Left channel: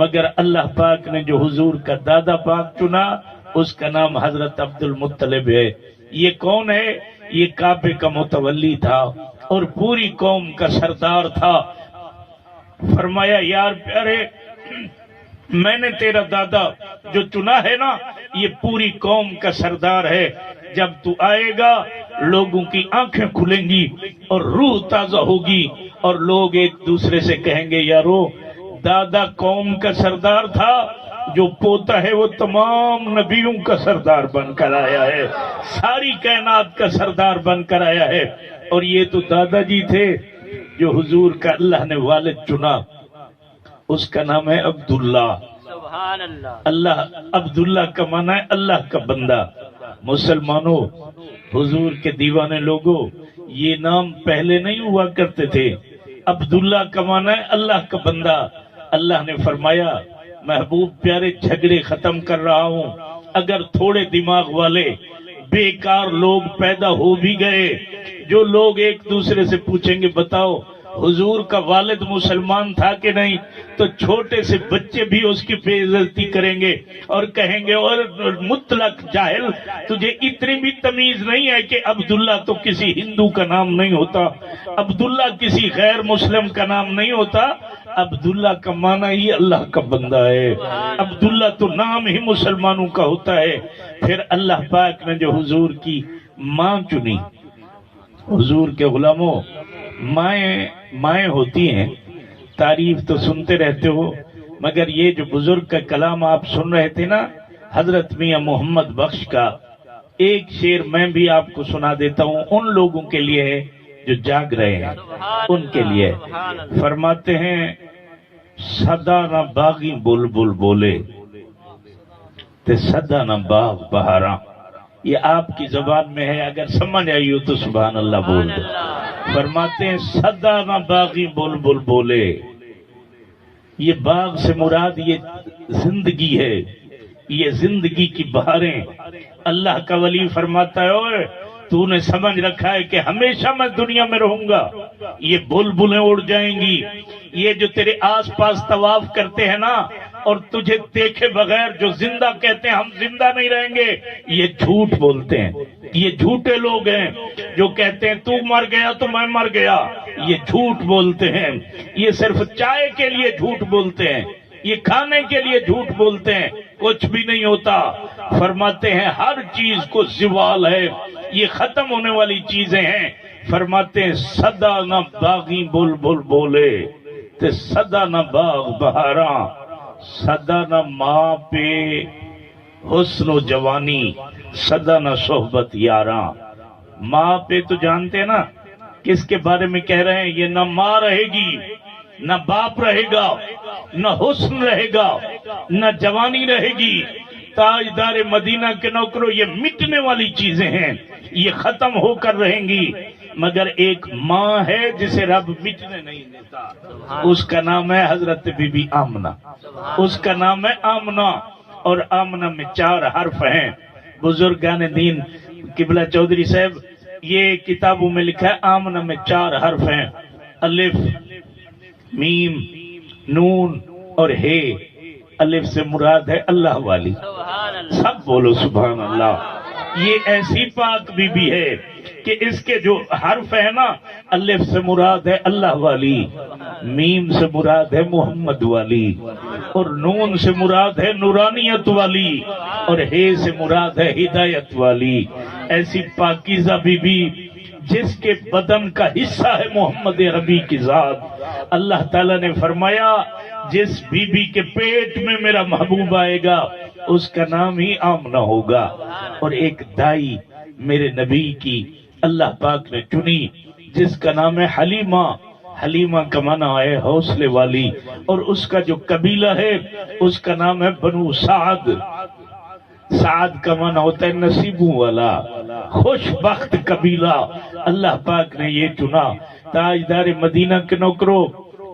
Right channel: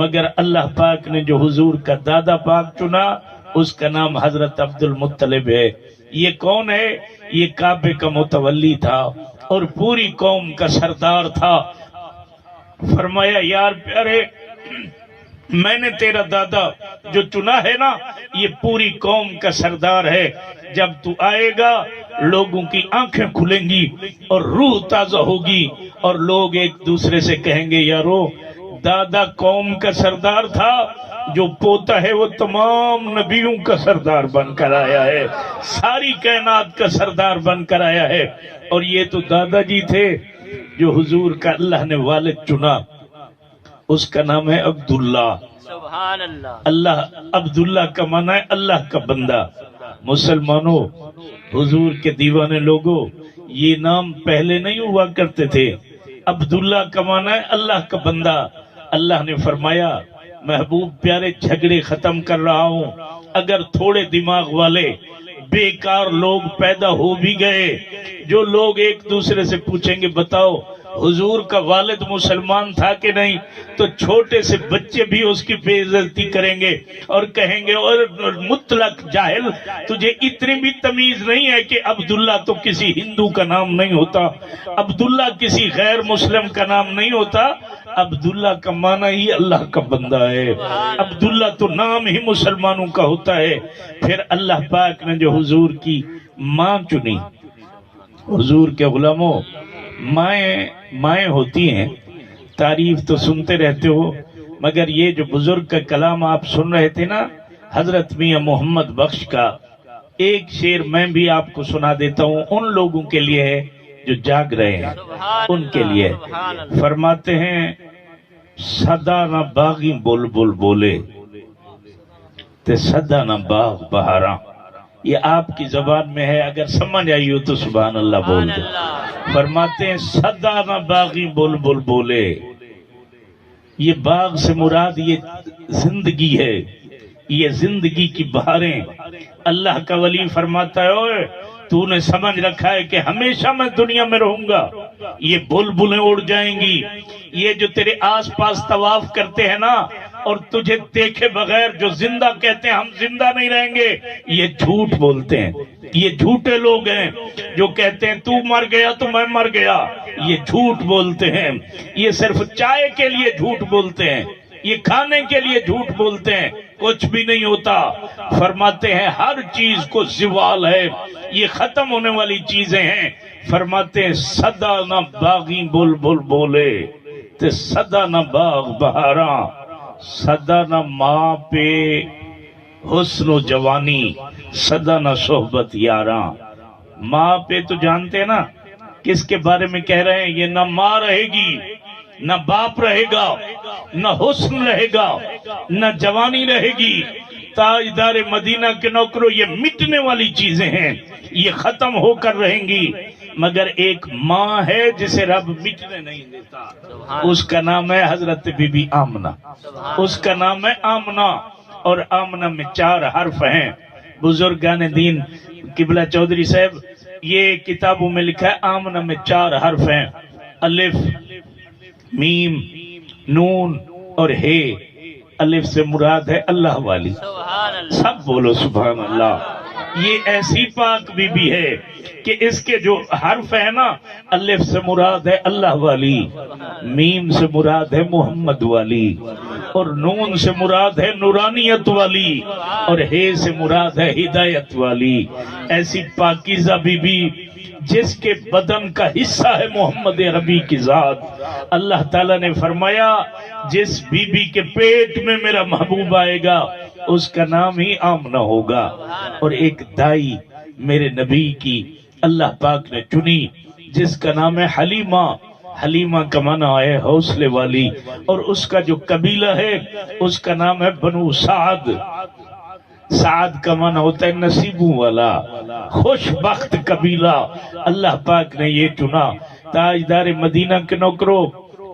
مگر اللہ پاک نے جو حضور کا دادا پاک چنا اس کا نام حضرت عبد المطلب ہے۔ یہ کون ہے؟ یہ کعبے کا متولی تھا اور پوری قوم کا سردار تھا۔ فرمایا یار پیارے، میں نے تیرا دادا جو چنا ہے نا، یہ پوری قوم کا سردار ہے۔ جب تو آئے گا لوگوں کی آنکھیں کھلیں گی اور روح تازہ ہوگی، اور لوگ ایک دوسرے سے کہیں گے یارو دادا قوم کا سردار تھا، جو پوتا ہے وہ تمام نبیوں کا سردار بن کر آیا ہے، ساری کائنات کا سردار بن کر آیا ہے۔ اور یہ تو دادا جی تھے جو حضور کا اللہ نے والد چنا، اس کا نام ہے عبداللہ۔ سبحان اللہ۔ اللہ عبداللہ کا معنی ہے اللہ کا بندہ۔ مسلمانوں، حضور کے دیوانے لوگوں، یہ نام پہلے نہیں ہوا کرتے تھے۔ عبداللہ کا معنی ہے اللہ کا بندہ۔ اللہ نے فرمایا محبوب پیارے جھگڑے ختم کر رہا ہوں، اگر تھوڑے دماغ والے بیکار لوگ پیدا ہو بھی گئے، جو لوگ ایک دوسرے سے پوچھیں گے بتاؤ حضور کا والد مسلمان تھا کہ نہیں، تو چھوٹے سے بچے بھی اس کی بے عزتی کریں گے اور کہیں گے اور مطلق جاہل، تجھے اتنی بھی تمیز نہیں ہے کہ عبداللہ تو کسی ہندو کا نام نہیں ہوتا، عبداللہ کسی غیر مسلم کا نام نہیں ہوتا، عبداللہ کا معنی ہی اللہ کا بندہ ہے، عبداللہ تو نام ہی مسلمانوں کا ہوتا ہے۔ پھر اللہ پاک نے جو حضور کی ماں چنی، حضور کے غلاموں، مائیں ہوتی ہیں، تعریف تو سنتے رہتے ہو، مگر یہ جو بزرگ کا کلام آپ سن رہے تھے نا حضرت میاں محمد بخش کا، ایک شعر میں بھی آپ کو سنا دیتا ہوں، ان لوگوں کے لیے ہے جو جاگ رہے ہیں، ان کے لیے۔ فرماتے ہیں صدا نہ باغی بلبل بولے تے صدا نہ باغ بہاراں۔ یہ آپ کی زبان میں ہے، اگر سمجھ آئی ہو تو سبحان اللہ بول دے۔ فرماتے ہیں صدا نہ باغی بلبل بولے، یہ باغ سے مراد یہ زندگی ہے، یہ زندگی کی بہاریں۔ اللہ کا ولی فرماتا ہے اوے تو نے سمجھ رکھا ہے کہ ہمیشہ میں دنیا میں رہوں گا، یہ بلبلیں اڑ جائیں گی، یہ جو تیرے آس پاس طواف کرتے ہیں نا اور تجھے دیکھے بغیر جو زندہ کہتے ہیں ہم زندہ نہیں رہیں گے، یہ جھوٹ بولتے ہیں، یہ جھوٹے لوگ ہیں جو کہتے ہیں تو مر گیا تو میں مر گیا، یہ جھوٹ بولتے ہیں، یہ صرف چائے کے لیے جھوٹ بولتے ہیں، یہ کھانے کے لیے جھوٹ بولتے ہیں، کچھ بھی نہیں ہوتا۔ فرماتے ہیں ہر چیز کو زوال ہے، یہ ختم ہونے والی چیزیں ہیں۔ فرماتے ہیں صدا نہ باغی بلبل بولے تے صدا نہ باغ بہاراں، صدا نہ ماں پہ حسن و جوانی، صدا نہ صحبت یاراں۔ ماں پہ تو جانتے ہیں نا کس کے بارے میں کہہ رہے ہیں، یہ نہ ماں رہے گی، نہ باپ رہے گا، نہ حسن رہے گا، نہ جوانی رہے گی۔ تاجدار مدینہ کے نوکروں، یہ مٹنے والی چیزیں ہیں، یہ ختم ہو کر رہیں گی، مگر ایک ماں ہے جسے رب مٹنے نہیں دیتا، اس کا نام ہے حضرت بی بی آمنہ، اس کا نام ہے آمنہ، اور آمنہ میں 4 حرف ہیں۔ بزرگان دین قبلہ چودھری صاحب یہ کتابوں میں لکھا ہے آمنہ میں 4 حرف ہیں، الف، میم، نون اور ہے۔ الف سے مراد ہے اللہ والی، سب بولو سبحان اللہ۔ یہ ایسی پاک بی بی ہے کہ اس کے جو حرف ہے نا، الف سے مراد ہے اللہ والی، میم سے مراد ہے محمد والی، اور نون سے مراد ہے نورانیت والی، اور ہے سے مراد ہے ہدایت والی۔ ایسی پاکیزہ بی بی جس کے بدن کا حصہ ہے محمد عربی کی ذات۔ اللہ تعالیٰ نے فرمایا جس بی بی کے پیٹ میں میرا محبوب آئے گا اس کا نام ہی آمنہ ہوگا۔ اور ایک دائی میرے نبی کی اللہ پاک نے چنی جس کا نام ہے حلیمہ۔ حلیمہ کا معنی ہے حوصلے والی، اور اس کا جو قبیلہ ہے اس کا نام ہے بنو سعد۔ سعد کا معنی ہوتا ہے نصیبوں والا، خوش بخت قبیلہ۔ اللہ پاک نے یہ چنا۔ تاجدار مدینہ کے نوکروں،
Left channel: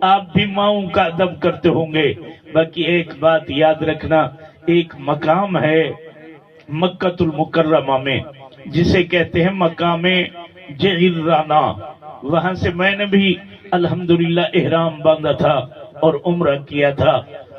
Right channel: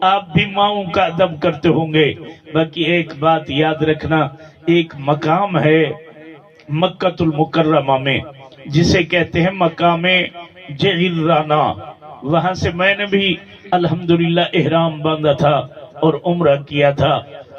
آپ بھی ماؤں کا ادب کرتے ہوں گے، باقی ایک بات یاد رکھنا، ایک مقام ہے مکہ المکرمہ میں جسے کہتے ہیں مقام جعرانہ، وہاں سے میں نے بھی الحمدللہ احرام باندھا تھا اور عمرہ کیا تھا۔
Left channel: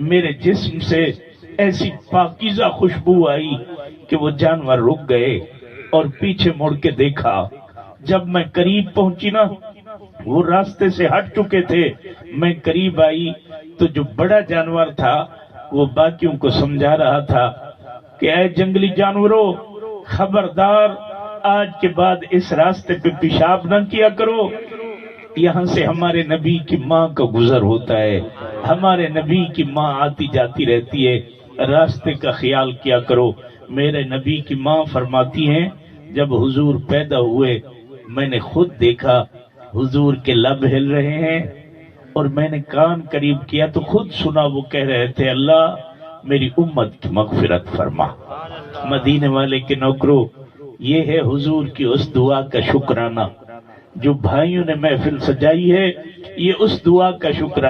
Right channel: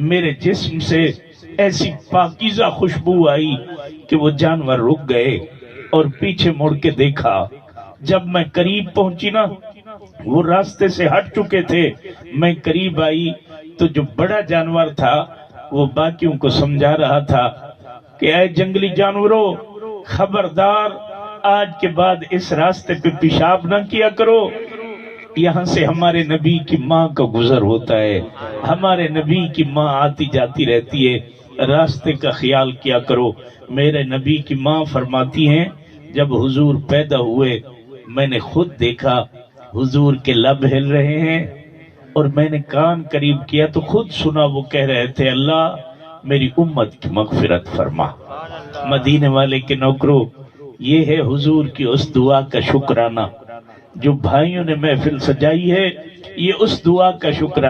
میرے جسم سے ایسی پاکیزہ خوشبو آئی کہ وہ جانور رک گئے اور پیچھے مڑ کے دیکھا. جب میں قریب پہنچی نا، وہ راستے سے ہٹ چکے تھے، میں قریب آئی تو جو بڑا جانور تھا وہ باقیوں کو سمجھا رہا تھا کہ اے جنگلی جانوروں، خبردار، آج کے بعد اس راستے پہ پیشاب نہ کیا کرو، یہاں سے ہمارے نبی کی ماں کا گزر ہوتا ہے، ہمارے نبی کی ماں آتی جاتی رہتی ہے، راستے کا خیال کیا کرو. میرے نبی کی ماں فرماتی ہیں جب حضور پیدا ہوئے میں نے خود دیکھا حضور کے لب ہل رہے ہیں، اور میں نے کان قریب کیا تو خود سنا وہ کہہ رہے تھے اللہ میری امت کی مغفرت فرما. مدینے والے کے نوکروں، یہ ہے حضور کی اس دعا کا شکرانہ جو بھائیوں نے محفل سجائی ہے، یہ اس دعا کا شکرانہ.